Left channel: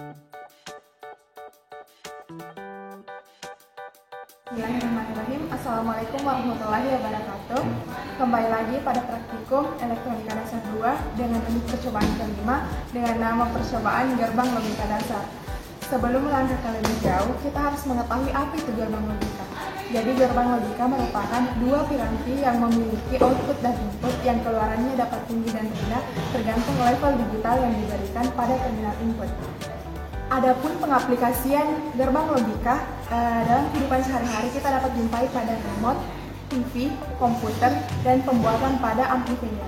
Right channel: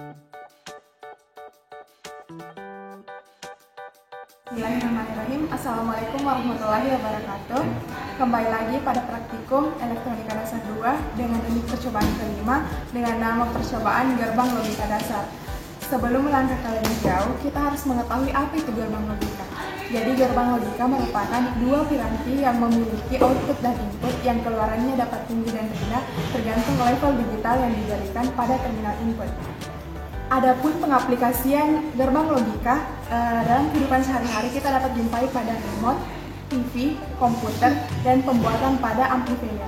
Bismillahirrahmanirrahim. Assalamualaikum warahmatullahi wabarakatuh. Kembali lagi pada praktikum Elektronika Dasar 2 dengan unit percobaan kelima dengan nama percobaan gerbang logika dasar. Sebelum melangkah ke lebih jauh, kita harus mengetahui apa itu gerbang logika. Jadi gerbang logika merupakan dua piranti yang memiliki output dan input yang keluarannya dapat tinggi dan rendah tergantung level digital yang diberikan pada terminal input. Adapun pengaplikasian gerbang logika dalam kehidupan sehari-hari kita dapat jumpai pada remote, TV, komputer, dan pembuatan pada amplifier.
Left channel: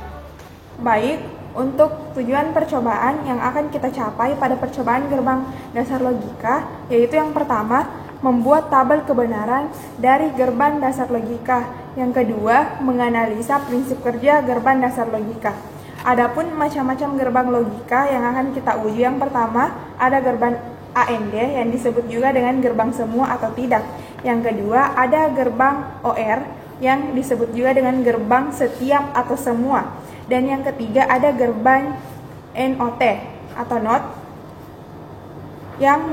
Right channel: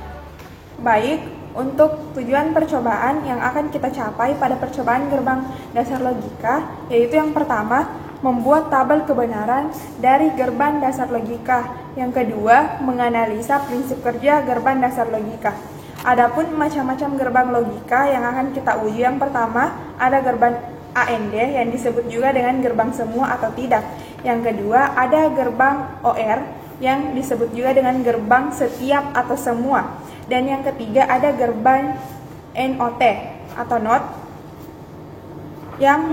Baik, untuk tujuan percobaan yang akan kita capai pada percobaan gerbang dasar logika, yaitu yang pertama, membuat tabel kebenaran dari gerbang dasar logika. Yang kedua, menganalisa prinsip kerja gerbang dasar logika. Adapun macam-macam gerbang logika yang akan kita uji, yang pertama ada gerbang AND yang disebut juga dengan gerbang semua atau tidak. Yang kedua ada gerbang OR yang disebut juga dengan gerbang setiap atau semua. Dan yang ketiga ada gerbang NOT atau NOT yang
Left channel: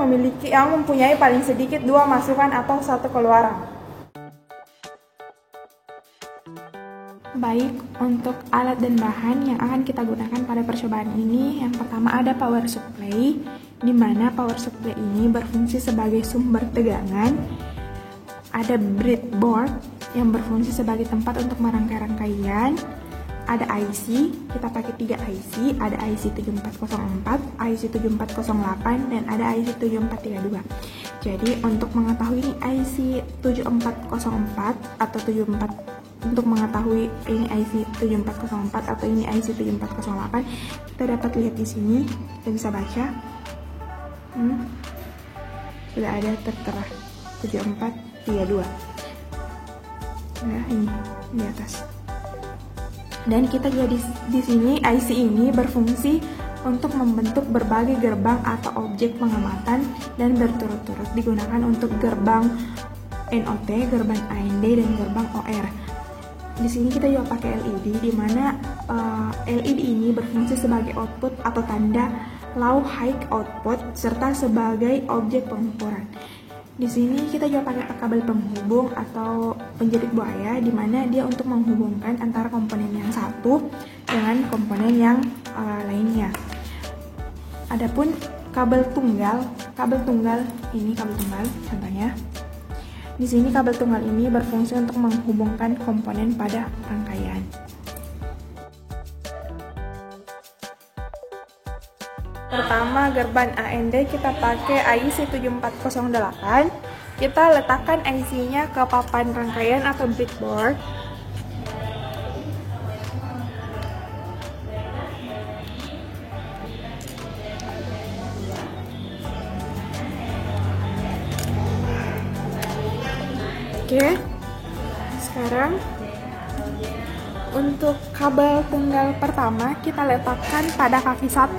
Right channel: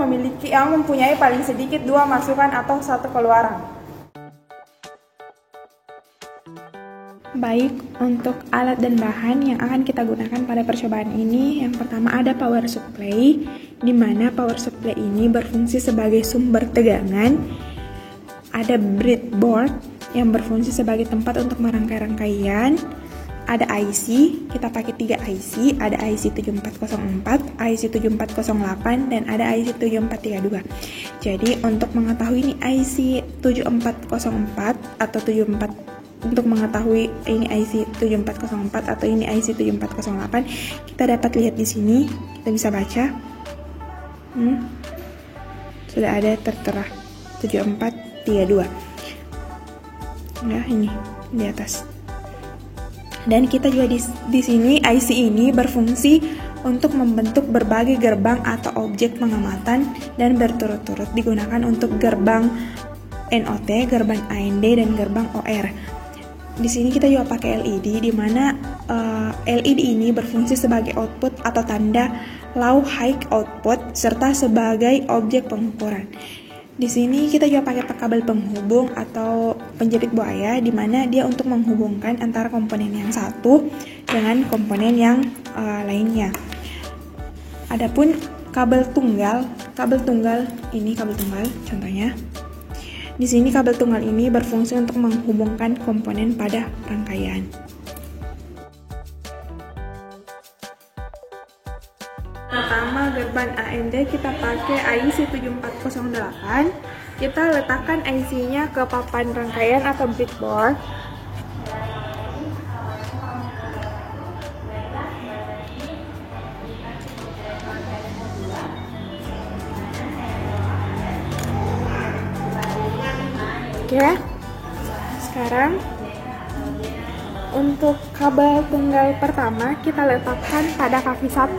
mempunyai paling sedikit dua masukan atau satu keluaran. Baik, untuk alat dan bahan yang akan kita gunakan pada percobaan ini, yang pertama ada power supply, di mana power supply ini berfungsi sebagai sumber tegangan. Ada breadboard yang berfungsi sebagai tempat untuk merangkai-rangkaian. Ada IC, kita pakai 3 IC, ada IC 7404, IC 7408, dan ada IC 7432. Jadi untuk mengetahui ini IC 7404 atau 74, untuk mengetahui ini IC 7404 atau ini IC 7408, kita dapat lihat di sini, kita bisa baca. Sudah ada tertera 7432. Nah, ini di atas. Dan kita juga di sini IC ini berfungsi untuk membentuk berbagai gerbang atau objek pengamatan dan berturut-turut digunakan untuk gerbang NOT, gerbang AND, dan gerbang OR. Di sini kita juga pakai LED, di mana LED ini berfungsi sebagai output atau tanda low high output serta sebagai objek pengukuran. Di sini kita juga pakai kabel penghubung atau penjepit buaya, di mana dia untuk menghubungkan antara komponen yang satu dengan komponen yang lainnya. Adapun kabel tunggal ini kabel tunggal contohnya. Di sini kabel tunggal ini berfungsi untuk menghubungkan komponen pada rangkaian. Pertama, gerbang AND kita pakai IC 7408. Kita letakkan IC-nya ke papan rangkaian atau breadboard. Oke, sekarang untuk kabel tunggal pertama kita letakkan pada kaki 1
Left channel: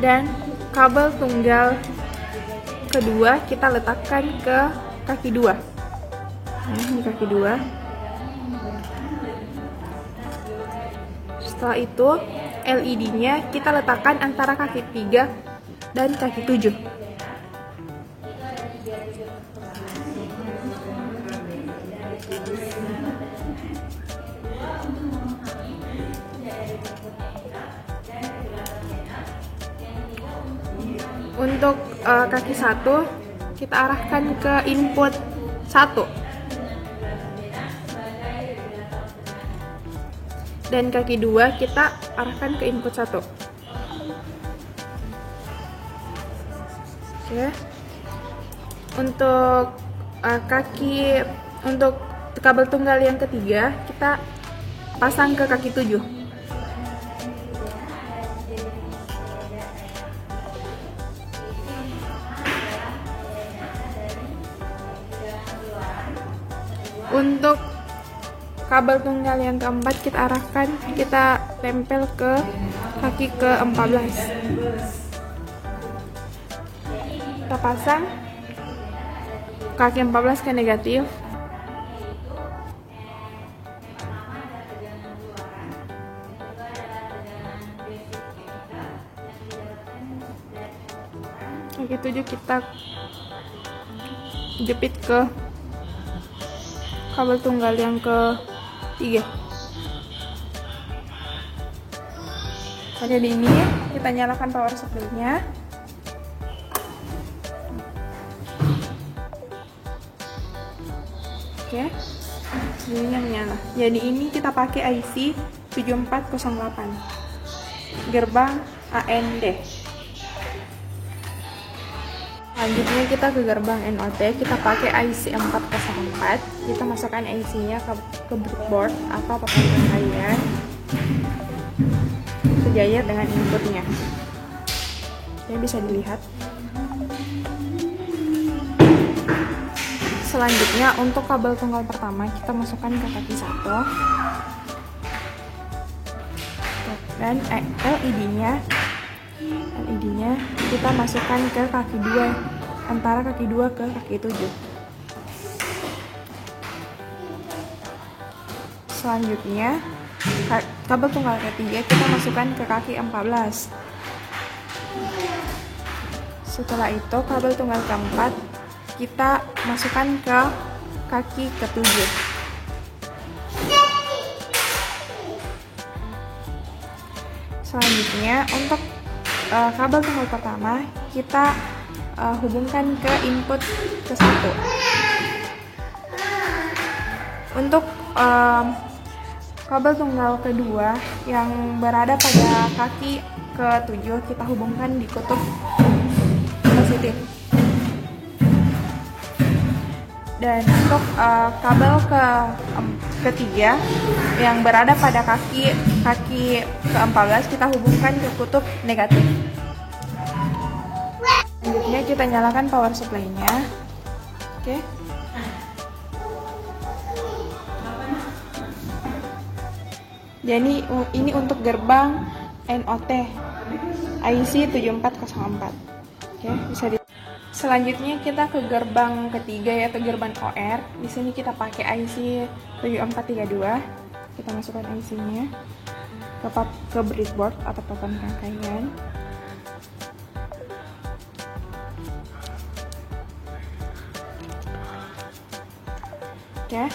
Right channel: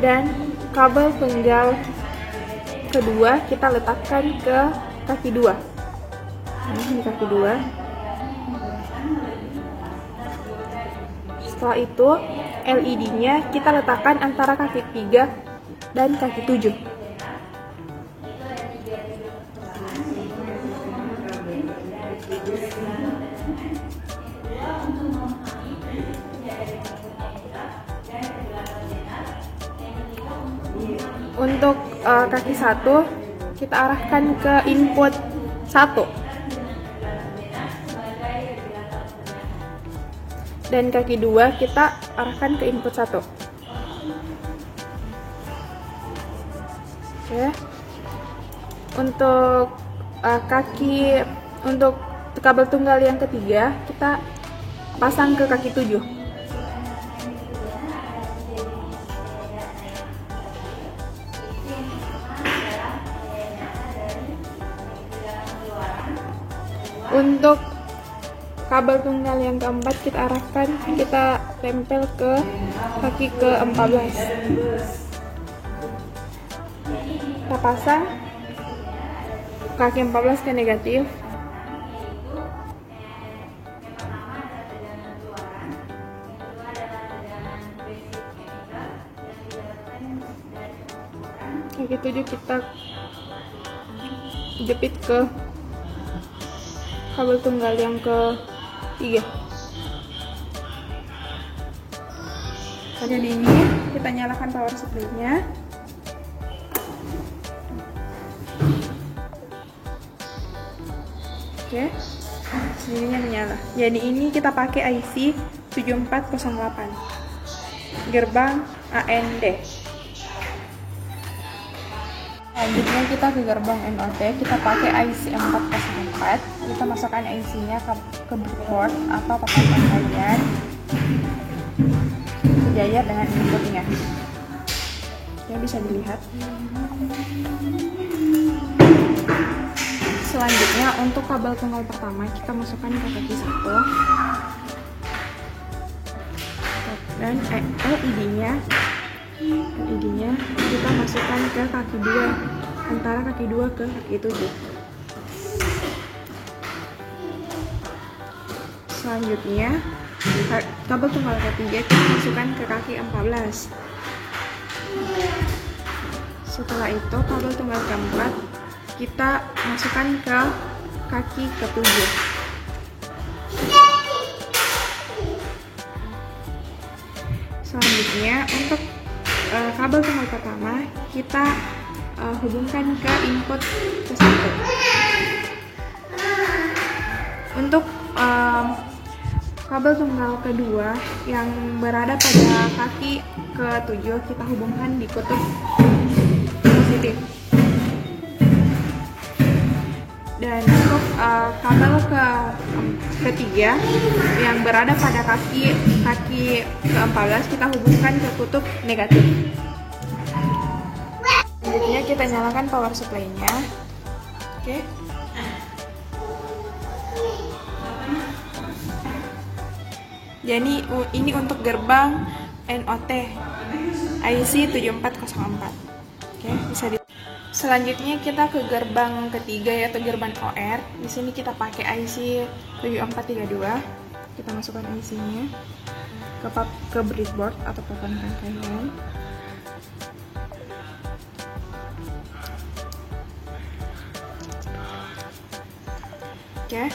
dan kabel tunggal kedua kita letakkan ke kaki 2. Nah, ini kaki 2. Setelah itu LED-nya kita letakkan antara kaki 3 dan kaki 7. Untuk kaki 1 kita arahkan ke input 1 dan kaki 2 kita arahkan ke input 1. Oke. Untuk untuk kabel tunggal yang ketiga kita pasang ke kaki 7. Untuk kabel tunggal yang keempat kita arahkan, kita tempel ke kaki ke-14. Kita pasang kaki 14 ke negatif. Begitu juga kita jepit ke kabel tunggal yang ketiga. Jadi ini kita nyalakan power supply-nya. Oke, sininya menyala. Jadi ini kita pakai IC 7408 gerbang AND. Selanjutnya kita ke gerbang NOT, kita pakai IC 404. Kita masukkan IC-nya ke breadboard atau papan kalian, sejajar dengan inputnya. Ya, bisa dilihat. Selanjutnya untuk kabel tunggal pertama kita masukkan ke kaki 1 dan LED-nya kita masukkan ke kaki 2, antara kaki 2 ke kaki 7. Selanjutnya kabel tunggal ketiga kita masukkan ke kaki 14. Setelah itu kabel tunggal keempat kita masukkan ke kaki ke-7. Selanjutnya untuk kabel tunggal pertama kita hubungkan ke input ke-1. Untuk kabel tunggal kedua yang berada pada kaki ke-7 kita hubungkan di kutub positif. Dan untuk kabel ketiga yang berada pada kaki ke-14 kita hubungkan ke kutub negatif. Selanjutnya kita nyalakan power supply-nya. Oke. Jadi ini untuk gerbang NOT IC 7404. Oke, bisa di. Selanjutnya kita ke gerbang ketiga yaitu gerbang OR. Di sini kita pakai IC 7432. Kita masukkan IC-nya ke breadboard atau papan rangkaian. Oke.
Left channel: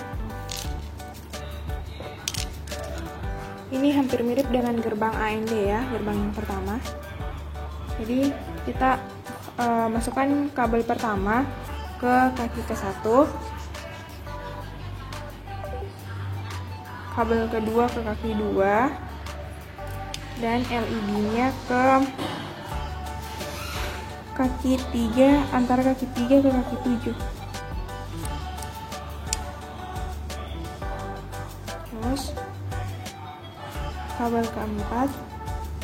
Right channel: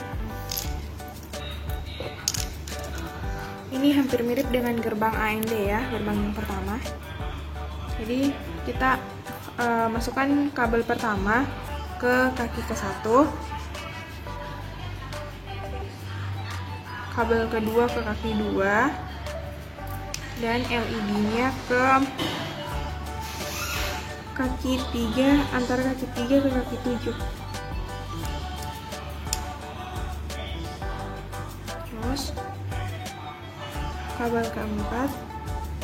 Ini hampir mirip dengan gerbang AND ya, gerbang yang pertama. Jadi kita masukkan kabel pertama ke kaki ke-1, kabel kedua ke kaki 2, dan LED-nya ke kaki 3, antara kaki 3 ke kaki 7. Terus kabel keempat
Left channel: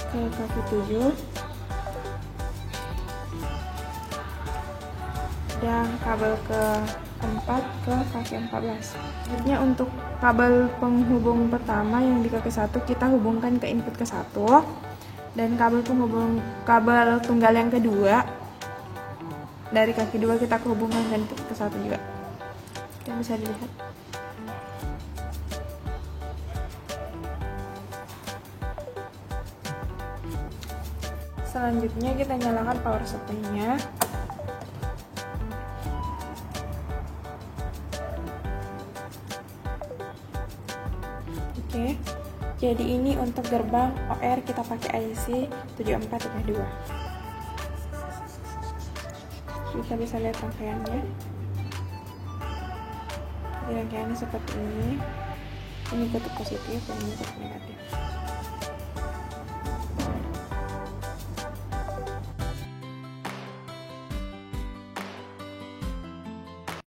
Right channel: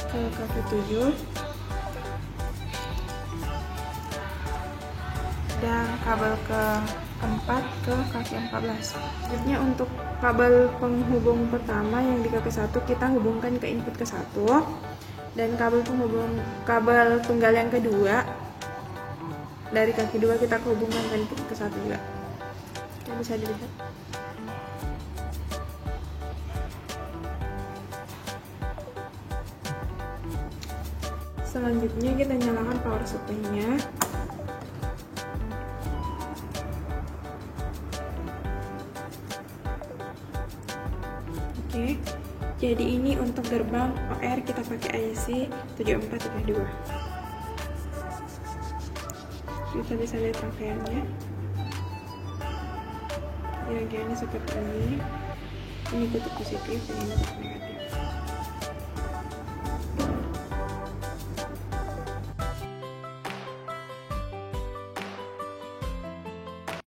ke kaki 7 dan kabel keempat ke kaki 14. Selanjutnya untuk kabel penghubung pertama yang di kaki 1 kita hubungkan ke input ke-1 dan kabel tunggal yang kedua dari kaki 2 kita hubungkan ke input ke-1 juga. Oke, bisa dilihat. Selanjutnya kita nyalakan power supply-nya. Oke, jadi ini untuk gerbang OR kita pakai IC 7432. Bisa lihat rangkaiannya. Rangkaiannya seperti ini. Ini kutub positif, ini kutub negatif.